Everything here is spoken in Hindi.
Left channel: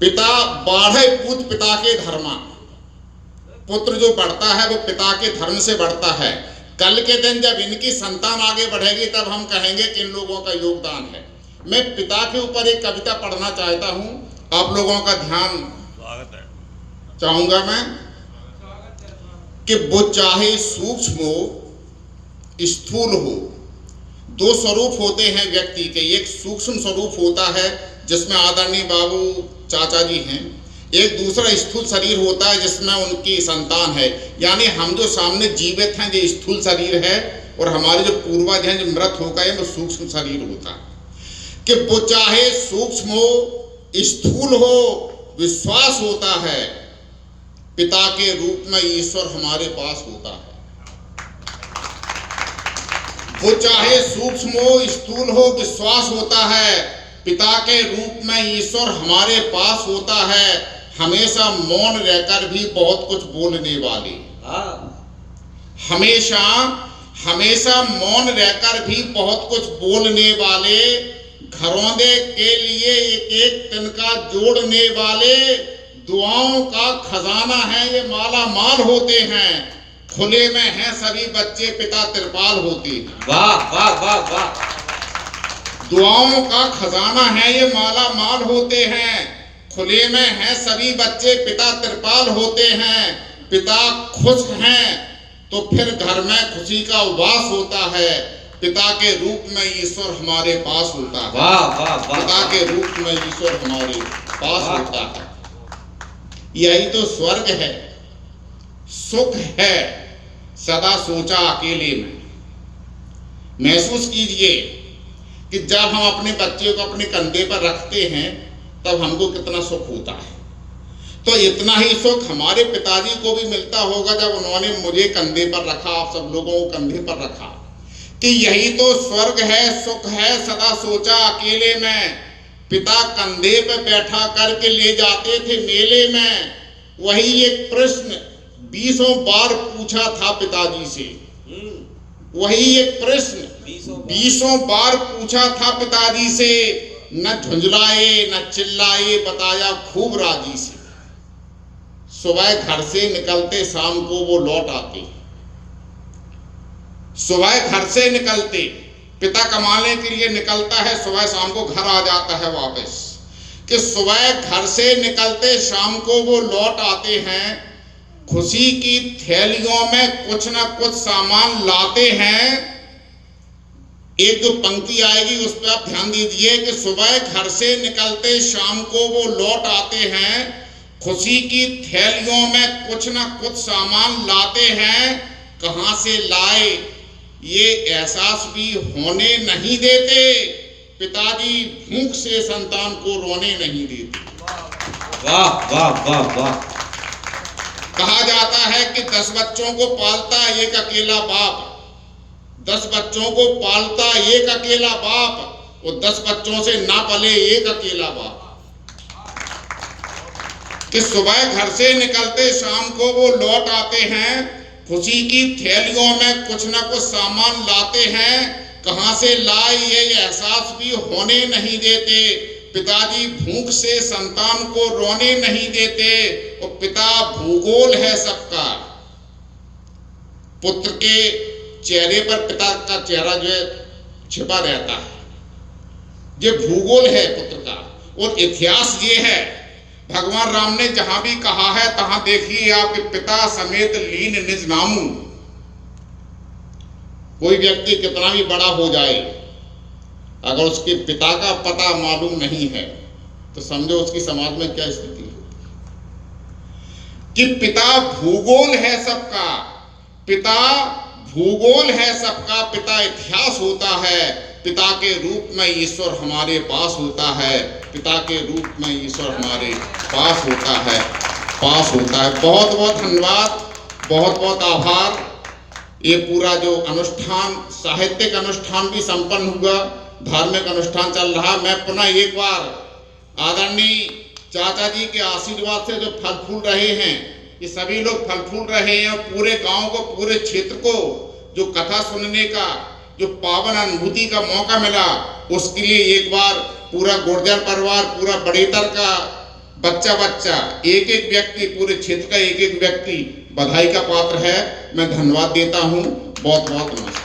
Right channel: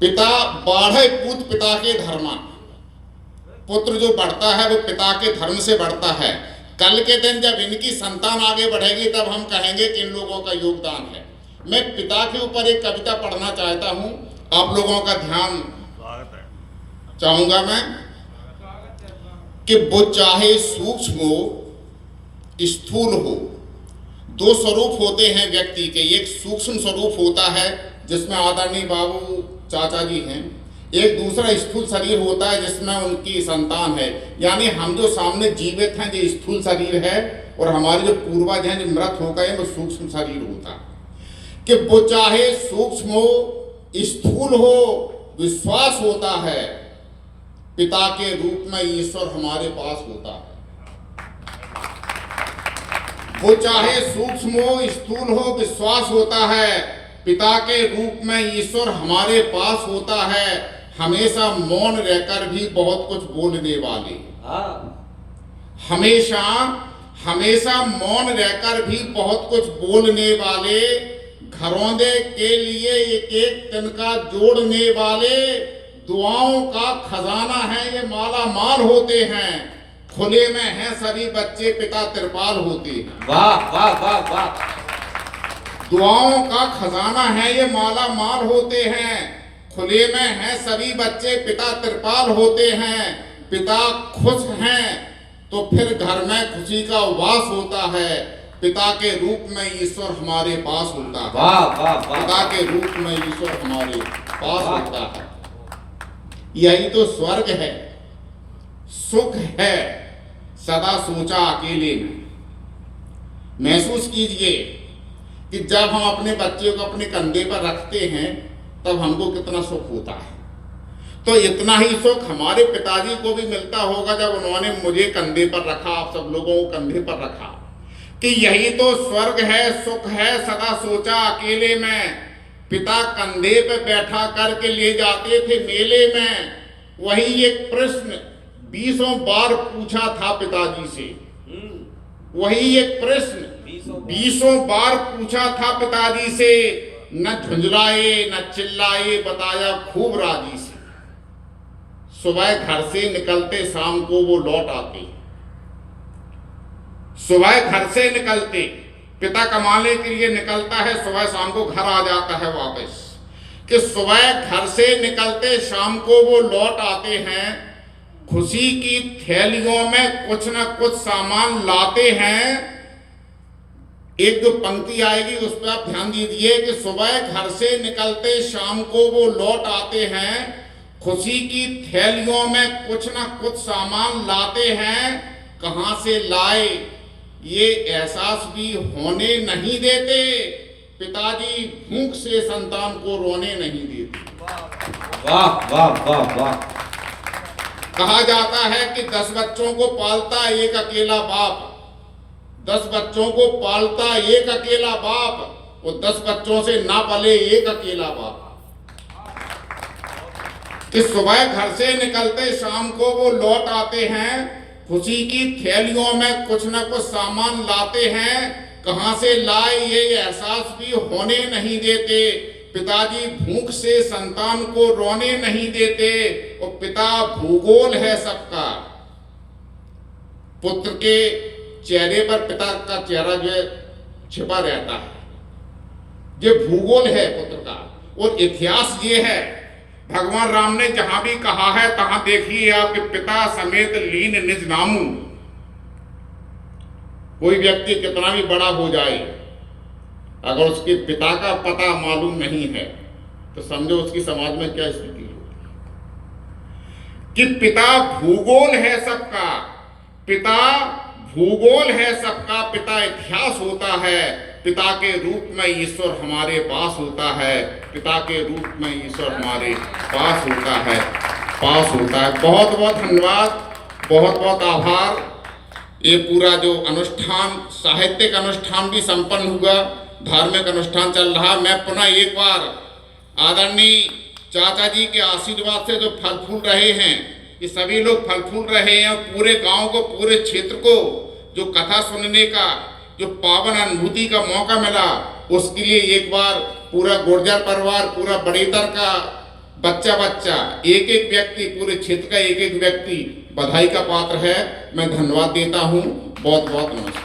पिता बाढ़े पूत पिता के धर्मा, पुत्र जो बढ़ता है वो पिता के धर्म से बढ़ता है। कल के दिन जब इनकी संतान आगे बढ़ेगी तब हम कहेंगे कि इन लोगों का योगदान है। मैं पिता के ऊपर एक कविता पढ़ना चाहता हूं, आप लोगों का ध्यान चाहूंगा मैं कि वो चाहे सूक्ष्म हो स्थूल हो, दो स्वरूप होते हैं व्यक्ति के। एक सूक्ष्म स्वरूप होता है जिसमें आदरणीय बाबू चाचा जी हैं, एक दूसरा स्थूल शरीर होता है जिसमें उनकी संतान है। यानी हम जो सामने जीवित हैं जो स्थूल शरीर है, और हमारे जो पूर्वज हैं जो मृत हो गए वो सूक्ष्म शरीर होता है। कि वो चाहे सूक्ष्म हो स्थूल हो, विश्वास होता है पिता के रूप में ईश्वर हमारे पास होता है। वो चाहे सूक्ष्म हो स्थूल हो, विश्वास होता है पिता के रूप में ईश्वर हमारे पास होता है। हमेशा मौन रहकर भी बहुत कुछ बोलने वाले, हमेशा हमेशा मौन रहकर भी बहुत कुछ बोलने वाले, घरौंदे के लिए एक एक तिनका जोड़ने वाले, दुआओं का खजाना है ये माला माल होते हैं। खुले में हैं सभी बच्चे पिता त्रिपाल होते हैं। वाह वाह वाह वाह। दुआओं का खजाना है ये माला माल होते हैं। खुले में हैं सभी बच्चे पिता त्रिपाल होते हैं। पिता खुश हैं तो फिर घर में खुशी का उवास होता है। पिता के रूप में ईश्वर हमारे पास होता है। वाह वाह वाह। पिता के रूप में ईश्वर हमारे पास होता है। यही तो स्वर्ग है, सुख है सदा सोचा अकेले में। महसूस कीजिए कि जब हम अपने बच्चे को अपने कंधे पर रखते हैं तब हमको कितना सुख होता है। तो इतना ही सुख हमारे पिताजी को भी मिलता होगा जब उन्होंने मुझे कंधे पर रखा, आप सब लोगों को कंधे पर रखा। कि यही तो स्वर्ग है, सुख है सदा सोचा अकेले में। पिता कंधे पर बैठा करके ले जाते थे मेले में। वही एक प्रश्न 20 बार पूछा था पिताजी से। वही एक प्रश्न 20 बार पूछा था पिताजी से। न झुंझलाए न चिल्लाए, बताया खूब राजी से। सुबह घर से निकलते शाम को वो लौट आते। सुबह घर से निकलते, पिता कमाने के लिए निकलता है, सुबह शाम को घर आ जाता है वापस। कि सुबह घर से निकलते शाम को वो लौट आते हैं। खुशी की थैलियों में कुछ न कुछ सामान लाते हैं। एक जो पंक्ति आएगी उस पर आप ध्यान दीजिए कि सुबह घर से निकलते शाम को वो लौट आते हैं। खुशी की थैलियों में कुछ न कुछ सामान लाते हैं। कहां से लाए ये एहसास भी होने नहीं देते। पिताजी भूख से संतान को रोने नहीं देते। वाह वाह वाह वाह। कहा जाता है कि 10 बच्चों को पालता एक अकेला बाप। 10 बच्चों को पालता एक अकेला बाप, वो 10 बच्चों से ना पले एक अकेला बाप। कि सुबह घर से निकलते शाम को वो लौट आते हैं। खुशी की थैलियों में कुछ न कुछ सामान लाते हैं। कहां से लाए ये एहसास भी होने नहीं देते। पिताजी भूख से संतान को रोने नहीं देते। और पिता भूगोल है सबका। पुत्र के चेहरे पर पिता का चेहरा जो है छिपा रहता है। ये भूगोल है पुत्र का। और इतिहास ये है, भगवान राम ने जहां भी कहा है तहां देखिए आपके पिता समेत लीन निज नामू। कोई व्यक्ति कितना भी बड़ा हो जाए, अगर उसके पिता का पता मालूम नहीं है तो समझो उसकी समाज में क्या स्थिति होगी। कि पिता भूगोल है सबका। पिता भूगोल है सबका। पिता इतिहास होता है। पिता के रूप में ईश्वर हमारे पास होता है। पिता के रूप में ईश्वर हमारे पास होता है, पास होता है। बहुत बहुत धन्यवाद, बहुत बहुत आभार। ये पूरा जो अनुष्ठान, साहित्यिक अनुष्ठान भी संपन्न हुआ, धार्मिक अनुष्ठान चल रहा। मैं पुनः एक बार आदरणीय चाचा जी के आशीर्वाद से जो फल फूल रहे हैं, ये सभी लोग फल फूल रहे हैं। पूरे गांव को, पूरे क्षेत्र को जो कथा सुनने का जो पावन अनुभूति का मौका मिला, उसके लिए एक बार पूरा गुर्जर परिवार, पूरा बड़ेतर का बच्चा बच्चा एक एक व्यक्ति, पूरे क्षेत्र का एक एक व्यक्ति बधाई का पात्र है। मैं धन्यवाद देता हूं। बहुत बहुत नमस्कार।